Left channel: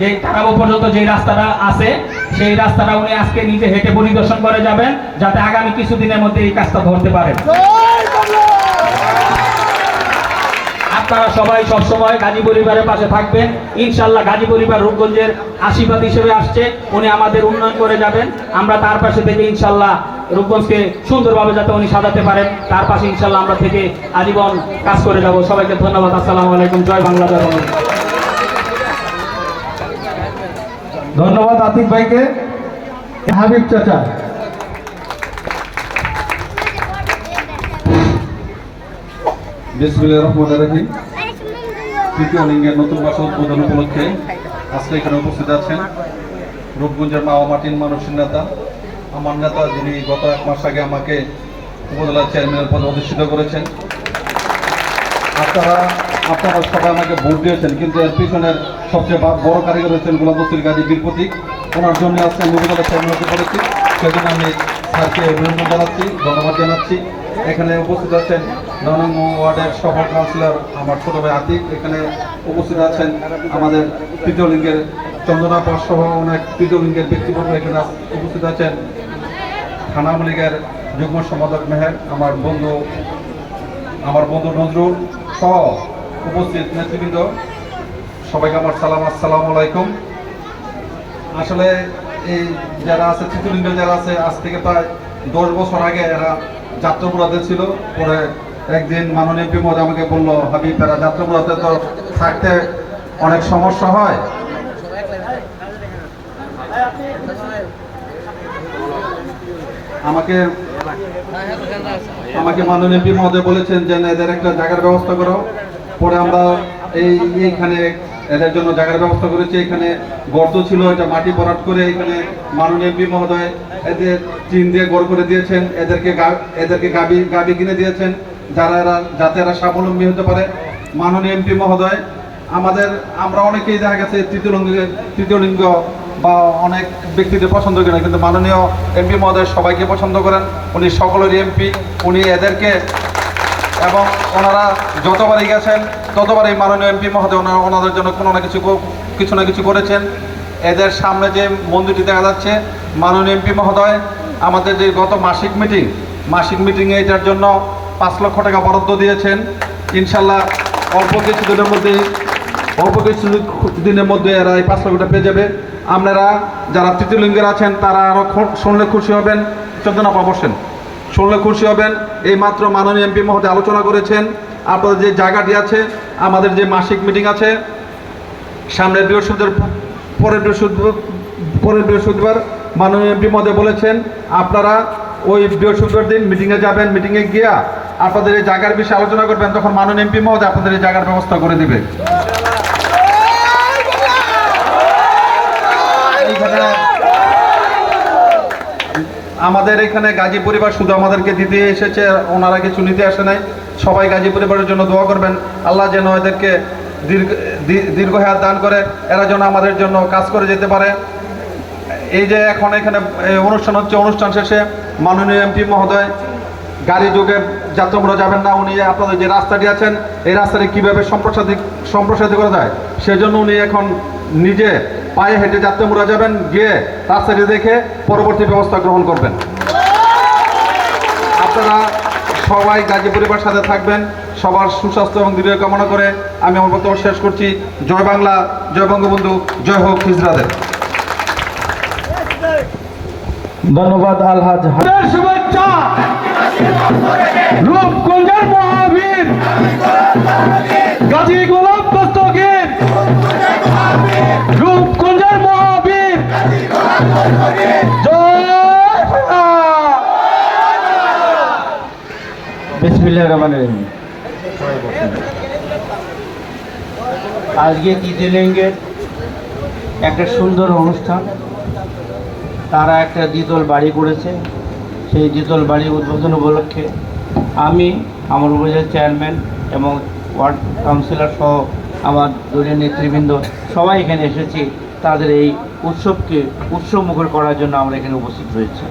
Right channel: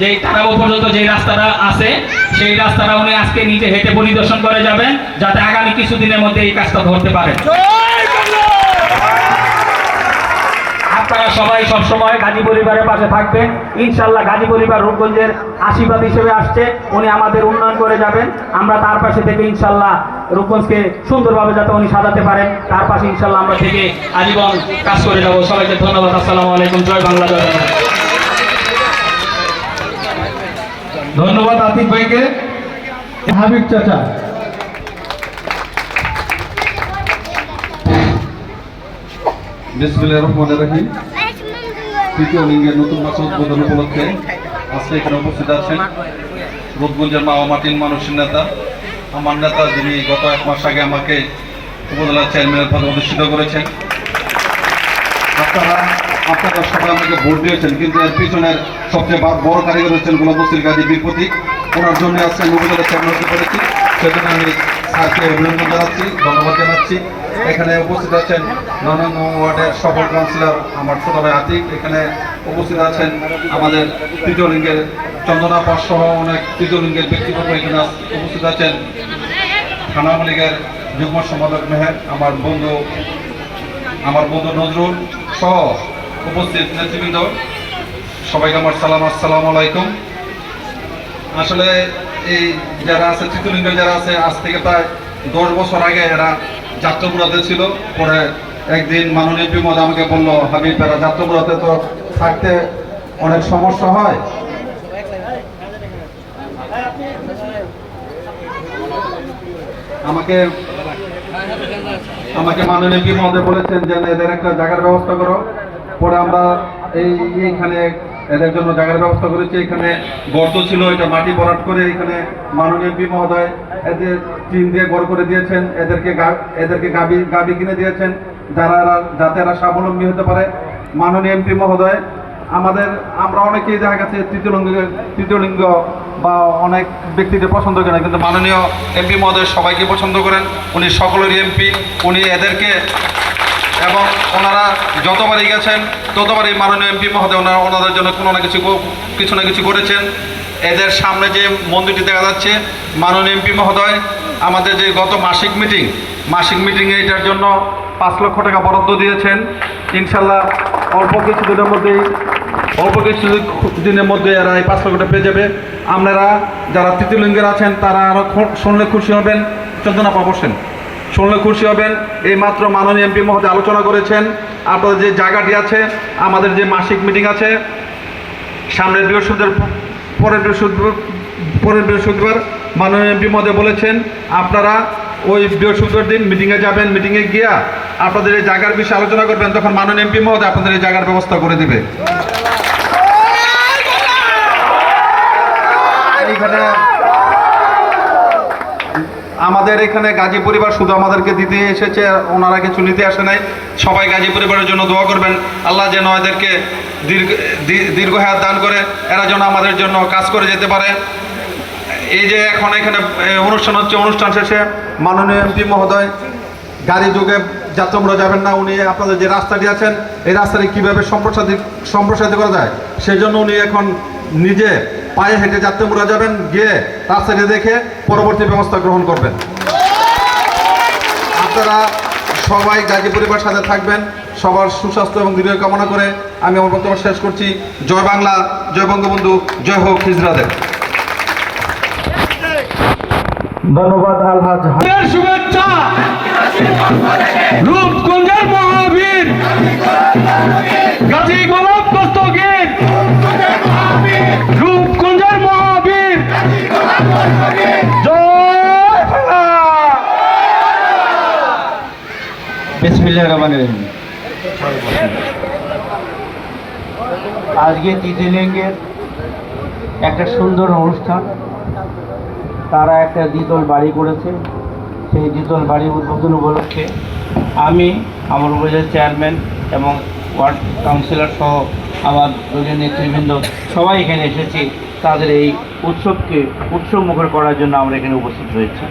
যে টাকাবো পর্যন্ত যে রাস্তাটা আছে সেই রাস্তাটা উনি আজকে নিজে হেঁটে পরিদর্শন করে যাবেন, যাতে আগামী কিছুদিনের মধ্যে এই কাজটা ধরতে পারেন। আপনারা সবাই সবসময় গাজী পরিবারের পাশে থাকবেন ইনশাল্লাহ। গাজী পরিবার রূপগঞ্জের আশীর্বাদ হিসেবে আসছে, উনি আমাদের উন্নয়ন করে যাবেন। আমরা তার পাশে থেকে ইনশাল্লাহ রূপগঞ্জকে সুন্দরভাবে যাতে উনি সাজাতে পারেন, তার পাশে ইনশাল্লাহ আমরা থেকে আজীবন কাজ করে যাব। সবাইকে ধন্যবাদ। আসসালামু আলাইকুম। জয় বাংলা, জয় বাংলা। ধন্যবাদ আতিক ভাইকে। হাবিব চাচা। বিসমিল্লাহির রহমানির রহিম। তৃতীয় লিঙ্গের নতুন মাস উদ্বোধন উপলক্ষে আজকে এখানে উপস্থিত আছেন রূপগঞ্জের মা ও মাটির মানুষের নেতা, আমার নেতা, যিনি গত 1 মাস আগে আমাকে উপজেলা চেয়ারম্যানের পদে অধিষ্ঠিত করেছেন। আপনারা সবাই আমাকে ভোট দিয়েছেন, কিন্তু এর পিছনের সবচেয়ে বড় কারিগর হচ্ছেন গোলাম বস্তির গাজী বীর প্রতীক। ওনার জন্য আজকে উপজেলা চেয়ারম্যান হতে পেরেছি, সেজন্য আমি স্যারকে অভিনন্দন জানাচ্ছি, ধন্যবাদ জানাচ্ছি। এখানে উপস্থিত আছেন 9 নং ওয়ার্ডের সফল কাউন্সিলর আমার ছোট ভাই আতিক। এখানে উপস্থিত আছেন আমাদের তৃতীয় লিঙ্গের চন্দনা পাস সহ অনেক তৃতীয় লিঙ্গের ব্যক্তিবর্গ এখানে উপস্থিত আছেন। থানা আওয়ামী লীগের যুগ্ম সম্পাদক মেহের, আমার বন্ধু নজরুল সহ উপস্থিত নেতৃবৃন্দ, সবাইকে আমার সালাম, আসসালামু আলাইকুম। আসলে এই যারা আছে তৃতীয় লিঙ্গের যারা আছে, আজ থেকে প্রায় 10 বছর আগে এরা যাত্রাপুরাতে ছিল। পরে একদিন মাননীয় এমপি মহোদয় আমাকে বললো, হাবিব, এরা যাত্রাপুরাতে তো থাকতে অনেক সমস্যা হয়। আমাকে মাননীয় এমপি মহোদয় বলেছেন যে এদের একটা জায়গার ব্যবস্থা করো। পরে আমরা এইখানে এদের জন্য জায়গার ব্যবস্থা করেছি। এখানে গর্ত ছিল, এটা মাটি ভরাট করে এখানে মাননীয় এমপি মহোদয় এদের টিন দিয়ে ঘর করে দিয়েছেন। এদেরকে গাবি কিনে দিয়েছেন, যাতে এরা স্বাবলম্বী হতে পারে। মাননীয় এমপি মহোদয় আমরা অনেকেই দেখা গেছে তৃতীয় লিঙ্গ বা অনেক ব্যক্তিদের পছন্দ করেন, কিন্তু মাননীয় এমপি মহোদয় সবাইকে পছন্দ করেন। উনি সকলেরই এমপি। উনি এদেরকে এবং ওনারা যতবারই গেছেন ততবারই মাননীয় এমপি মহোদয় ওনাদের জন্য কিছু না কিছু করেছেন। এদের সামনে যে মন্দিরটি দেখা যাচ্ছে, মাননীয় এমপি মহোদয় আমাদের যে গত মাসিক মিটিংয়ে এটার জন্য 5 লক্ষ টাকা বরাদ্দ দিয়েছেন। ইনশাল্লাহ অল্প কিছু দিনের মধ্যে এরা এই 5 লক্ষ টাকা পেয়ে যাবে। আপনারা যারা তৃতীয় লিঙ্গের আছেন তারা আরও শুনলে খুশি হবেন। চন্দনা বসেন, শুনলে খুশি হবেন। এই মাত্র মাননীয় এমপি মহোদয় আলোচনা করেছেন। আপনাদের যে জায়গাটি আছে, আমাদের যে মাসিক মিটিং আছে সামনের পরের বৃহস্পতিবার মাননীয় এমপি মহোদয় বলেছেন আপনারা ওই বৃহস্পতিবার দিন মিটিংয়ে যাবেন। মিটিংয়ে গিয়া আপনাদের এই জায়গার বিষয়ে আলোচনা করবেন, তখন মাননীয় এমপি মহোদয় আপনাদের এই জায়গার ব্যবস্থা করে দিবে। আমাদের এখানে গাজী পরিবার শুধু আমাদেরকে দিতে এসেছে, ওনারা কিছু নিতে আসে নাই। সবাই গাজী পরিবারের জন্য দোয়া করবেন, আল্লাহ যেন এদেরকে দীর্ঘ হায়াত দান করে, এরা যেন আমাদের জন্য কাজ করে যেতে পারে। এই যে এখন এখানে অনুষ্ঠান হচ্ছে, অনুষ্ঠান শেষে মাননীয় এমপি মহোদয় গাড়ি যোগে যাত্রামোড়া যাবেন না, উনি আপনাদের যে রাস্তাটি আছেন এই রাস্তাটি কীভাবে সম্প্রসারিত করা যায় সেজন্য উনি এখন নিজে পায়ে হেঁটে যাত্রামোড়া যাবেন, গিয়ে রাস্তাটি দেখে পরবর্তী ব্যবস্থা গ্রহণ করবেন। আপনারা সবাই গাজী পরিবারের সাথে থাকবেন। সবার সুস্বাস্থ্য এবং দীর্ঘ কামনা করে আমি আমার বক্তব্য শেষ করছি। জয় বাংলা, জয় বঙ্গবন্ধু, জয় হোক হিজড়াদের। ধন্যবাদ আলহাজ। শুভেচ্ছা রূপগঞ্জের মহাবীর গাজী গোলাম দস্তগীর, রূপগঞ্জের মহাবীর। বিসমিল্লাহির রহমানির রহিম। আজকে তৃতীয় লিঙ্গের একটা সুন্দর অনুষ্ঠান। তারা একটা দ্বিতল বাড়ি করেছে। সেই দ্বিতল বাড়ি উদ্বোধন উপলক্ষে আমি আমার উপজেলার চেয়ারম্যান এবং ওয়ার্ড কাউন্সিলর সহ আমার দলীয় নেতৃবৃন্দ সবাই এখানে এসেছি। তাদের এই উৎসবকে উৎসবমুখর করার জন্য আমরা এখানে উপস্থিত হয়েছি।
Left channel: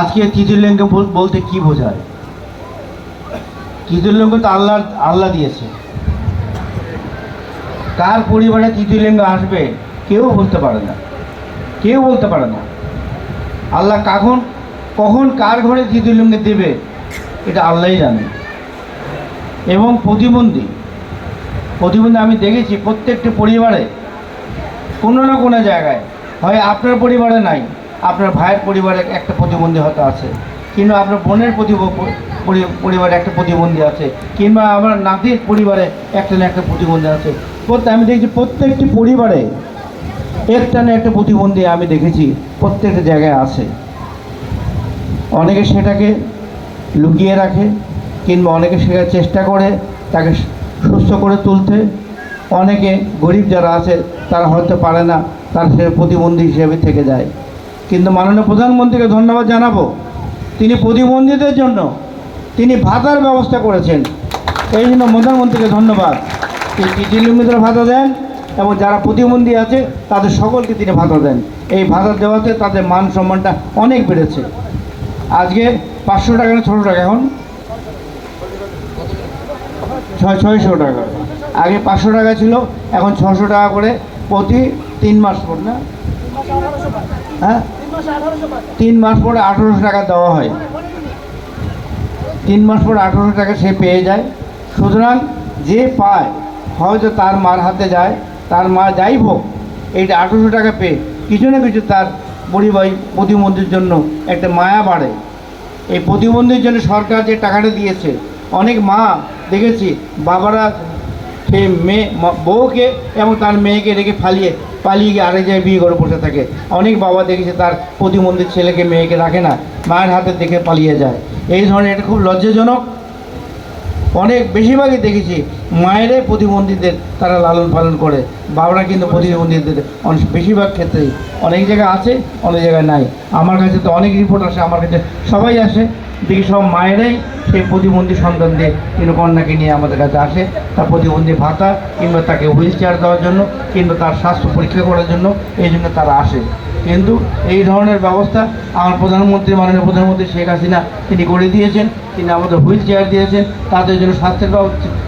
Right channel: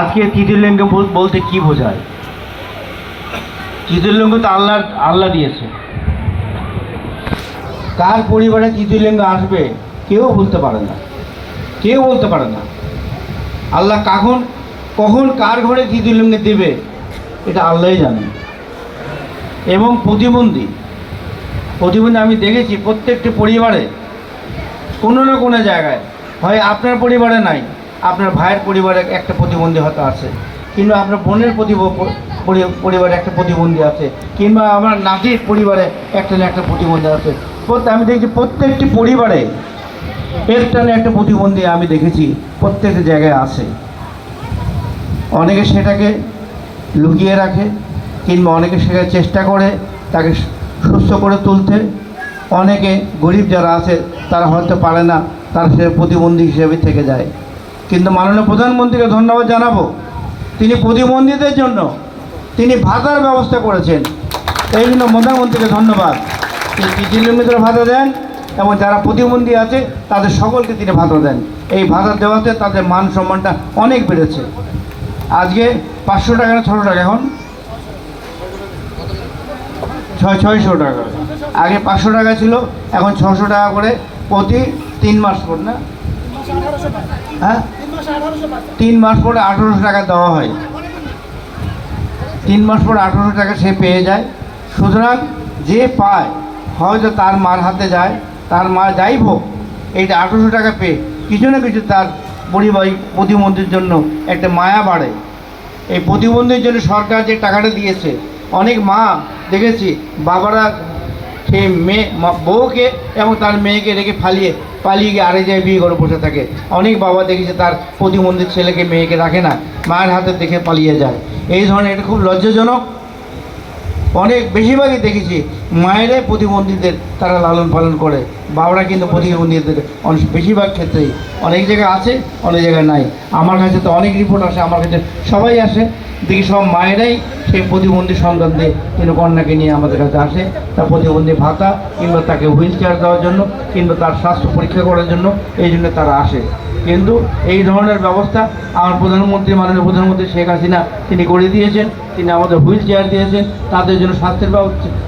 আজকে তৃতীয় লিঙ্গ বলতে কি বোঝায়? তৃতীয় লিঙ্গ তো আল্লাহ দিয়েছে। কার পরিবারে তৃতীয় লিঙ্গ আসবে কেউ বলতে পারে না, কেউ বলতে পারে না। আল্লাহ কখন কার ঘরে তৃতীয় লিঙ্গ দেবে এটা আল্লাহই জানে। এবং প্রতিবন্ধী আমি দেখেছি প্রত্যেকটি পরিবারে কোনো না কোনো জায়গায়, হয় আপনার পরিবারে নাই, আপনার ভাইয়ের পরিবারে একটা প্রতিবন্ধী হয়তো আছে, কিংবা আপনার বোনের পরিবারে একটা প্রতিবন্ধী আছে, কিংবা আমার নাতির পরিবারে একটা না একটা প্রতিবন্ধী আছে। আমি দেখছি প্রত্যেকটি পরিবারে একটা না একটা প্রতিবন্ধী আমি দেখেছি প্রত্যেকটা জায়গায় আছে। অনেকে সেটাকে লুকিয়ে রাখে, কিংবা অনেকে সেটাকে চেষ্টা করে তাকে সুস্থ করে তুলতে। অনেকে গরিব যারা আছে তারা হয়তো পারে না, তারা সে প্রতিবন্ধী হিসেবে থেকে যায়। কিন্তু মাননীয় প্রধানমন্ত্রীকে ধন্যবাদ জানাবো, তিনি প্রতিবন্ধীদের জন্য তিনি ভাতার ব্যবস্থা করেছেন। এই জন্য প্রধানমন্ত্রীকে ধন্যবাদ। তিনি তৃতীয় লিঙ্গের ভাতা দেন এবং যারা প্রতিবন্ধী আছে তাদের সকলকে তিনি ভাতা দেন। এই ভাতা দেওয়াতে তাদের মান সম্মানটা অনেক বেড়েছে। আজকে 500 টাকা না 600 টাকা, এখন 600 টাকা। আগে 500 টাকা ছিল, এখন 600 টাকা করে প্রতি 3 মাস পর, না হ্যাঁ 3 মাস পরে 1800 টাকা দেওয়া হয়। 3 মাস পরে 1800 টাকা সে পেয়ে যায়। সুতরাং যে পায়, হয়তো তার মার হাতে যায়, তার মা যাই হোক, এইটা 1800 টাকা পেয়ে কিছু না কিছু তার প্রতিবন্ধীর জন্য একটা মায়া বাড়ে। এই প্রতিবন্ধীর জন্য সরকার যে টাকাটা দিয়েছে, অনেক মা দেখেছি বাবারা সে বউকে এবং তার মেয়েকে রেখে পালিয়ে গিয়ে আরেক জায়গায় বিয়ে করে বসে থাকে। অনেক বাবা দেখেছে তার প্রতিবন্ধী ছেলেকে মেয়েকে রাখে না, মায়ের হাতে দেখে পালিয়ে যায়। এই ধরনের এটা খুব লজ্জাজনক। অনেক বেশিরভাগই দেখেছি মায়েরাই প্রতিবন্ধীদের তারা লালন পালন করে, বাবারা কিন্তু প্রতিবন্ধীদের বেশিরভাগ ক্ষেত্রেই, অনেক জায়গায় আছে অনেক জায়গায় নাই। আমার কাছে তো অনেক রিপোর্ট আসে, আমার কাছে সবাই আসে, দেখি সব মায়েরাই সেই প্রতিবন্ধী সন্তান দিয়ে কিন্তু কন্যাকে নিয়ে আমাদের কাছে আসে, তার প্রতিবন্ধী ভাতা কিংবা তাকে হুইল চেয়ার দেওয়ার জন্য কিংবা তার স্বাস্থ্য পরীক্ষা করার জন্য, এই জন্য তারা আসে। কিন্তু এই ধরনের ব্যবস্থা আমার প্রধানমন্ত্রী, মাননীয় প্রধানমন্ত্রী শেখ হাসিনা তিনি করে দিয়েছেন। তিনি আমাদের হুইল চেয়ার দিয়েছেন, তাদের জন্য স্বাস্থ্যের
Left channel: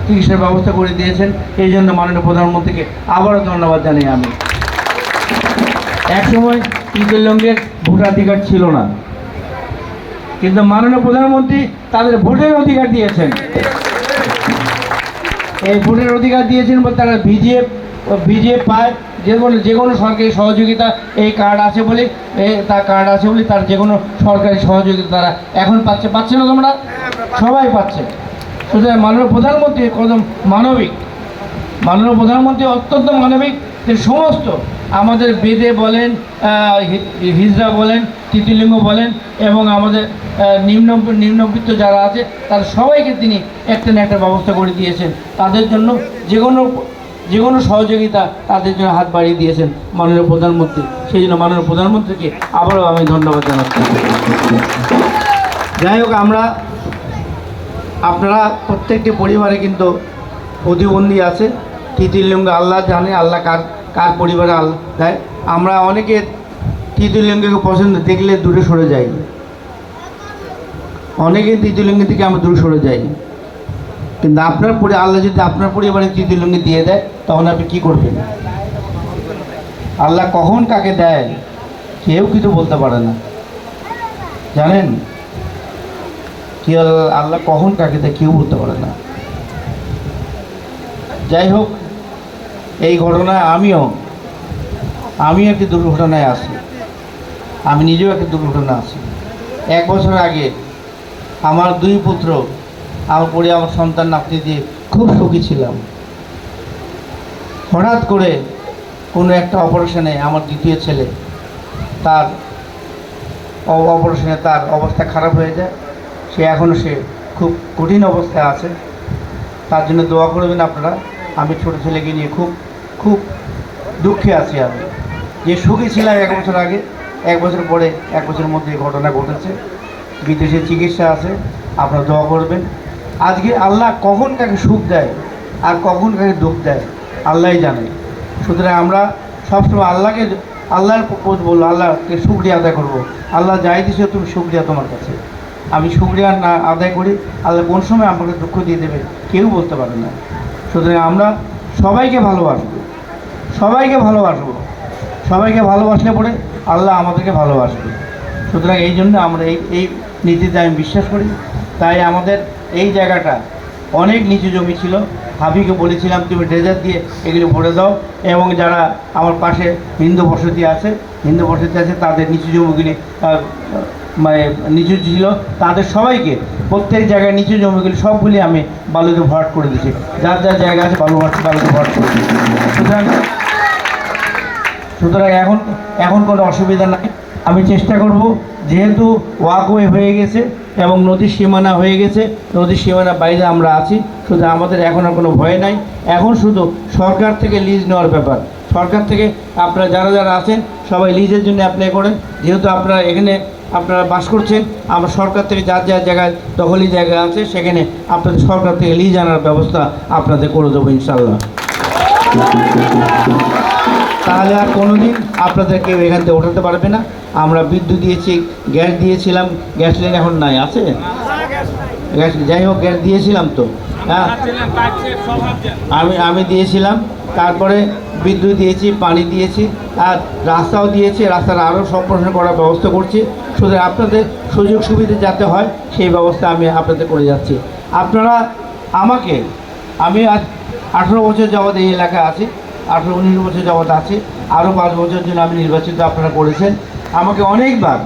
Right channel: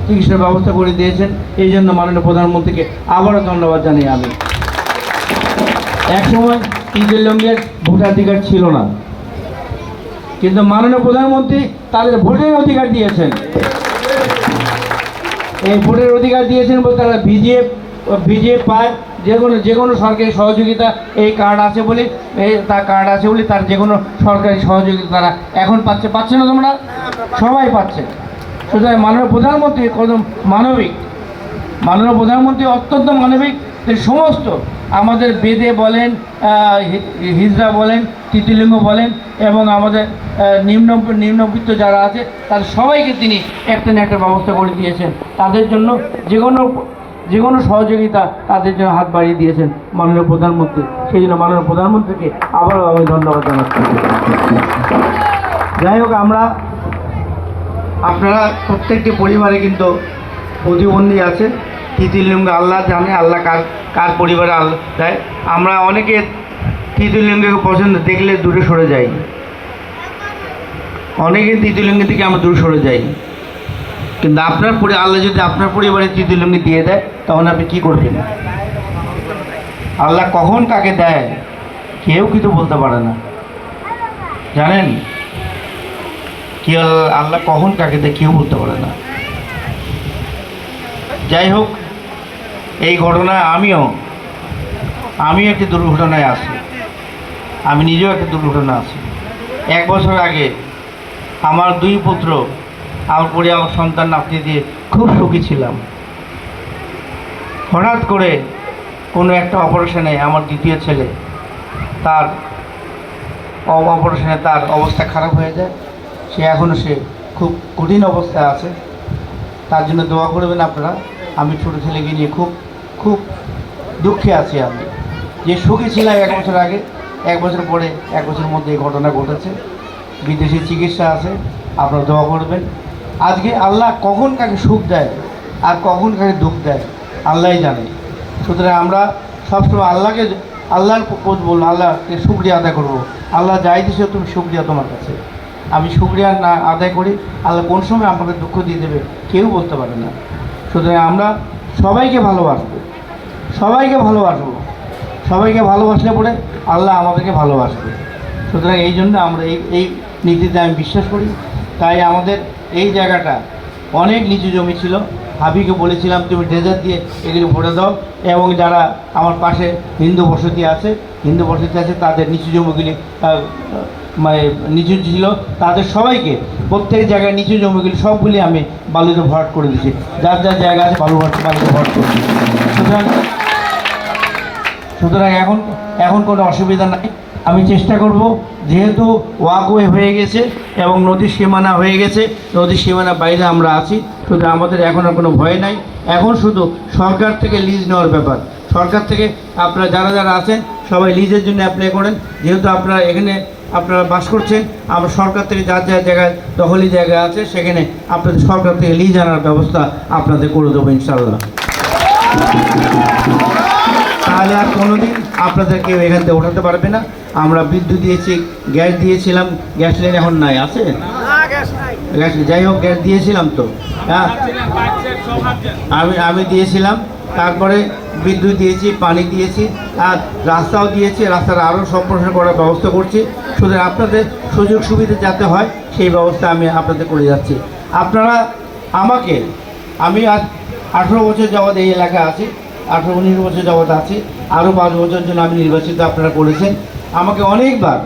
চিকিৎসার ব্যবস্থা করে দিয়েছেন। এই জন্য মাননীয় প্রধানমন্ত্রীকে আবারও ধন্যবাদ জানাই আমি। একসময় তৃতীয় লিঙ্গের ভোটাধিকার ছিল না, কিন্তু মাননীয় প্রধানমন্ত্রী তাদের ভোটের অধিকার দিয়েছেন। এই ভোটের অধিকার দিয়েছেন বলে তারা ভিজিএফ পায়, যে কোনো সরকারি সহযোগিতা এই কার্ড আছে বলে, তার কার্ড আছে বলে তার যে কোনো সরকারি সহযোগিতা তারা এখন পাচ্ছে না তোমরা সবাই পাচ্ছে। সুতরাং মাননীয় প্রধানমন্ত্রী কত মানবিক, মাননীয় প্রধানমন্ত্রী অত্যন্ত মানবিক। সমস্ত আমাদের বেদে বলেন, হিজড়া বলেন, তৃতীয় লিঙ্গ বলেন এবং আমাদের নিম্নবিত্ত যারা আছে তাদের সবাইকে তিনি একটা না একটা ব্যবস্থা করে দিয়েছেন। তাদের জন্য যে কোনো সহযোগিতা তাদের জন্য হাত বাড়িয়ে দিয়েছেন মাননীয় প্রধানমন্ত্রী। সেই জন্য মাননীয় প্রধানমন্ত্রীকে আবারও আমি ধন্যবাদ জানাচ্ছি। যাই হোক, আপনারা প্রত্যেকটি পরিবারে কিন্তু প্রতিবন্ধী আছে। তৃতীয় লিঙ্গ আল্লাহ জানে, আল্লাহ কার পরিবারে আল্লাহ দেয়। আমরা অনেকে তৃতীয় লিঙ্গকে পছন্দ দেখলে দূরে সরে যাই, অনেকে তৃতীয় লিঙ্গের থেকে আমরা দূরে সরে যাই। কিন্তু আল্লাহ যদি আপনার পরিবারে তৃতীয় লিঙ্গ দিয়ে দেয় তখন আপনি কী করবেন? আল্লাহ কখন কাকে দেয় কেউ কিছু বলতে পারে না, জানেন? কি আল্লাহ কখন কাকে দেয় কেউ বলতে পারে না। যাই হোক, এই ঘটনায় আমিও একটি দুর্ঘটনায় আছি, আমি নিজেও একটা দুর্ঘটনা আছি। 1 বছর আগে আমার 2 পুত্র, আমার পরিবার সন্তান নাতি দিয়ে খুব সুখী ছিলাম। হঠাৎ করে কোনো একটা অপারেশনে আমার দ্বিতীয় ছেলে তার অবস্থা খারাপ হয়ে যায়। এখনও সে খুব কঠিন অবস্থায় আছে। তার জন্য দোয়া করবেন আপনারা। আমি ছোটো ছেলেকে নিয়ে খুব দুঃখে আছি। আমি যে সুখী ছিলাম 1 বছর আগে, 1 বছর পরে 1 বছরের মধ্যে এই ঘটনা ঘটেছে। বিদেশে চিকিৎসা আছে, আপনারা দোয়া করবেন। আজকে আল্লাহ কখন কাকে সুখ দেয় আর কখন কাকে দুঃখ দেয় আল্লাহই জানে। সুতরাং আমরা সবসময় আল্লাহর বলবো, আল্লাহকে শুকরিয়া আদায় করবো। আল্লাহ যাই দিছে তুমি শুকরিয়া তোমার কাছে। আমি শুকরিয়া না আদায় করি, আল্লাহ কোন সময় আমাকে দুঃখ দিয়ে দেবে কেউ বলতে পারে না। সুতরাং আমরা সবাইকে ভালোবাসবো, সবাইকে ভালোবাসবো, সবাইকে ভালোবাসলে পরে আল্লাহ আমাদেরকে ভালোবাসবে। সুতরাং এই জন্য আমরা এই নীতিতে আমি বিশ্বাস করি। তাই আমাদের এই জায়গাটা অনেক নিচু জমি ছিল, হাবিকে বলেছিলাম তুমি ড্রেজার দিয়ে এগুলি ভরে দাও, এবং যারা আমার পাশে হিন্দু বসতি আছে তাদের নিচু জমিগুলি মানে নিচু ছিল, তাদের সবাইকে প্রত্যেক জায়গায় নিচু জমিগুলি সবগুলি আমি বালুতে ভরাট করে দিয়েছি, যার যার জায়গা আছে বালুতে ভরাট করে দিয়েছি। সুতরাং এখন কোনো অসুবিধা নাই। আমি চেষ্টা করব, যেহেতু ওয়াকওয়ে হয়ে গেছে এবং নদীর সীমানা হয়ে গেছে, নদীর সীমানা বাইরে আমরা আছি, শুধু আমাদের এখন আর কোনো ভয় নাই। এখন শুধু সরকার থেকে লিজ নেওয়ার ব্যাপার। সরকার থেকে আপনারা যারা যারা আছেন সবাই লিজের জন্য অ্যাপ্লাই করেন। যেহেতু আপনারা এখানে আপনারা বাস করছেন, আমরা সরকার থেকে যার যার জায়গায় দখলি জায়গা আছে সেখানে আপনাদের সরকার থেকে লিজ আনার ব্যবস্থা আপনাদের করে দেবো ইনশাল্লাহ। তাহলে আর কোনোদিন আপনাদের কেউ এখান থেকে ওঠাতে পারবে না। আমরা বিদ্যুৎ দিয়েছি, গ্যাস দিয়েছিলাম, গ্যাস লাইন এখন নাই, আছে গ্যাস, যাই হোক গ্যাস দিয়েছিলাম তো, হ্যাঁ আমি দিয়েছিলাম। তারপরে বিদ্যুৎ দিয়েছি, পানি দিয়েছি, আর রাস্তাও দিয়েছি, রাস্তার আরও সম্প্রসারণ করার ব্যবস্থা করছি। শুধু আপনাদের সুযোগ সুবিধা যাতে হয় সেই ব্যবস্থা আমি আপনাদের করে যাচ্ছি। আপনারা আমি আজ 18 বছর যাবৎ এই এলাকায় আছি, 18-19 বছর যাবৎ আছি, আরও 5 বছর জন্য আমি নির্বাচিত আপনারা করেছেন। আমাকে অনেকবার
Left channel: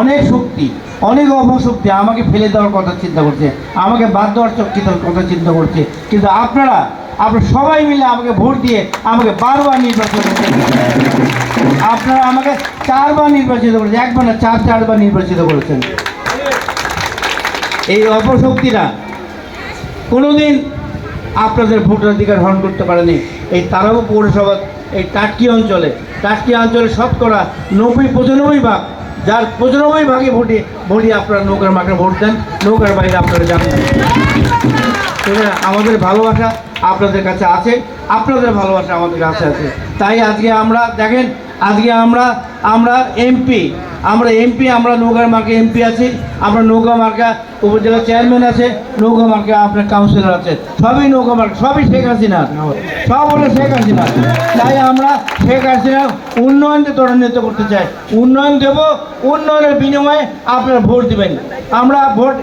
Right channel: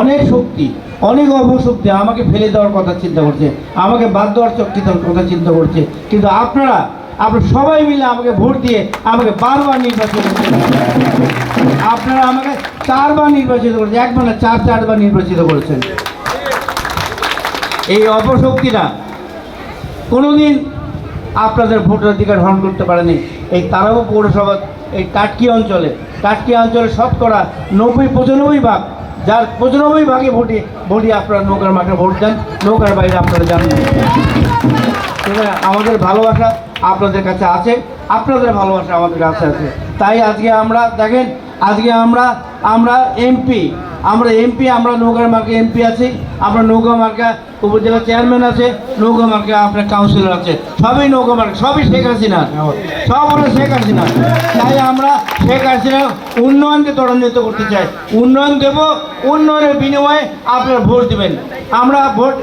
অনেক শক্তি, অনেক অপশক্তি আমাকে ফেলে দেওয়ার কথা চিন্তা করছে, আমাকে বাদ দেওয়ার কথা চিন্তা করছে, কিন্তু আপনারা সবাই মিলে আমাকে ভোট দিয়ে আমাকে বারবার নির্বাচিত করেছেন। আপনারা আমাকে 4বার নির্বাচিত করেছেন, একবার না 4বার নির্বাচিত করেছেন। এই অপশক্তিরা কোনোদিন আপনাদের ভোটের অধিকার হরণ করতে পারেনি। এই তারাও পৌরসভা এই টাটকি অঞ্চলে শতকরা 90-95 ভাগ, যার 95 ভাগে ভোটই আপনারা নৌকার মাঠে ভোট দেন, নৌকার বাইরে আপনারা জানেন। আমাদের ভালোবাসা আপনাদের কাছে আছে, আপনাদের ভালোবাসা আমাদের কাছে আছে। তাই আজকে আমরা দেখেন, আজকে আমরা এমপি, আমরা নৌকার মার্কে এমপি আছি, আমরা নৌকা মার্কা উপজেলা চেয়ারম্যান আছে, নৌকা মার্কা আপনার কাউন্সিলর আছে, সবই নৌকা মার্কা, সবই শেখ হাসিনা, সব হলো শেখ হাসিনা। তাই আমরা শেখ হাসিনা উন্নয়নকে ত্বরান্বিত করতে চাই, উন্নয়ন দেব, উন্নয়নের বিনিময়ে আপনারা ভোট দেবেন। আমরা ভোট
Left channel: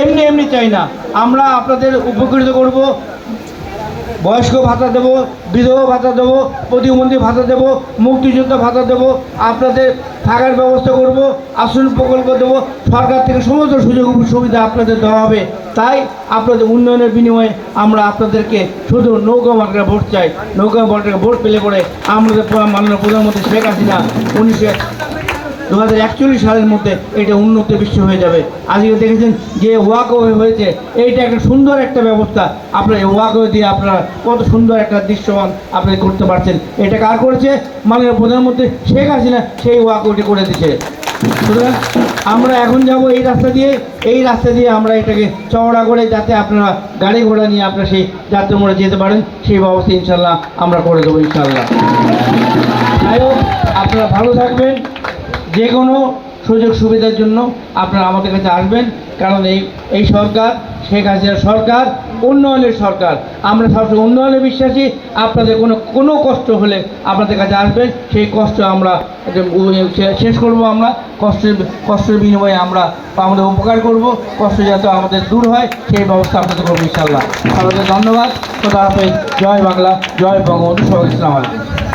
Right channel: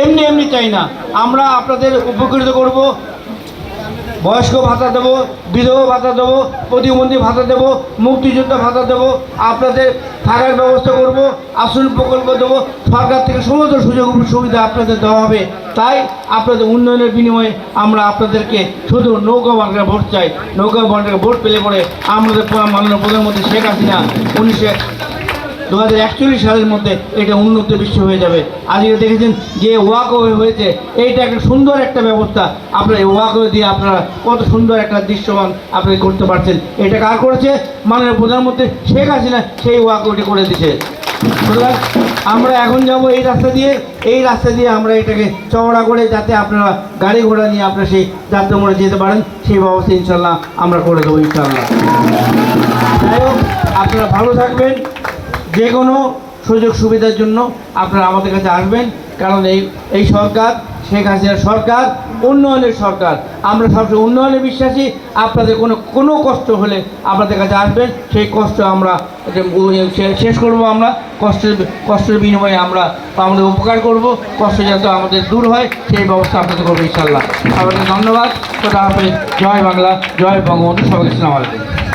এমনি চাই না, আমরা আপনাদের উপকৃত করব। বয়স্ক ভাতা দেবো, বিধবা ভাতা দেবো, প্রতিবন্ধী ভাতা দেবো, মুক্তিযোদ্ধা ভাতা দেবো, আপনাদের থাকার ব্যবস্থা করব, আশ্রম প্রকল্প দেবো, সরকার থেকে সমস্ত সুযোগ সুবিধা আপনাদের দেওয়া হবে। তাই আপনাদের উন্নয়নের বিনিময়ে আমরা আপনাদেরকে শুধু নৌকা মার্কা ভোট চাই। নৌকা মার্কা ভোট পেলে পরে আমাদের মাননীয় প্রধানমন্ত্রী শেখ হাসিনা 2041 সালের মধ্যে এটা উন্নত বিশ্ব হয়ে যাবে। আজকে দেখেছেন যে ওয়াকওয়ে হয়েছে, এইটা একটা সুন্দর একটা ব্যবস্থা। আপনার এই ওয়াকওয়ে দিয়ে আপনারা কত সুন্দর একটা দৃশ্যমান আপনি করতে পারছেন। এটা কার করেছে? মাননীয় প্রধানমন্ত্রী শেখ হাসিনা সেই ওয়াকওয়েটি করে দিয়েছে। সুতরাং আমরা এখন যাব এই রাস্তা দিয়ে আমরা এটাকে চওড়া করে, যাতে আপনারা গাড়ি ঘোড়া নিয়ে আপনারা সেই যাত্রা মোড়ে যেতে পারেন, সেই ব্যবস্থা ইনশাল্লাহ আমরা করে দেবো ইনশাল্লাহ। যাই হোক, আপনারা ভালো থাকবেন। যে কোনো সুযোগ সুবিধার জন্য আপনারা আমাদের কাছে আসবেন, কারণ এই সরকার শেখ হাসিনার সরকার উন্নয়নের সরকার। আমরা সবসময় উন্নয়নে বিশ্বাসী। আপনাদের কোনো কষ্ট হলে আপনাদের কাছে আসবেন, সেই কষ্ট আমরা শেষ করব। আমরা কষ্টের বিনিময়ে আমরা আমাদের উপকার করব, কষ্ট যাতে আমাদের দূর হয় সেই ব্যবস্থা আপনাদের করবো ইনশাল্লাহ। আপনাদের ধন্যবাদ। খোদা হাফেজ। জয় বাংলা, জয় বঙ্গবন্ধু। সবাইকে আসসালামু আলাইকুম।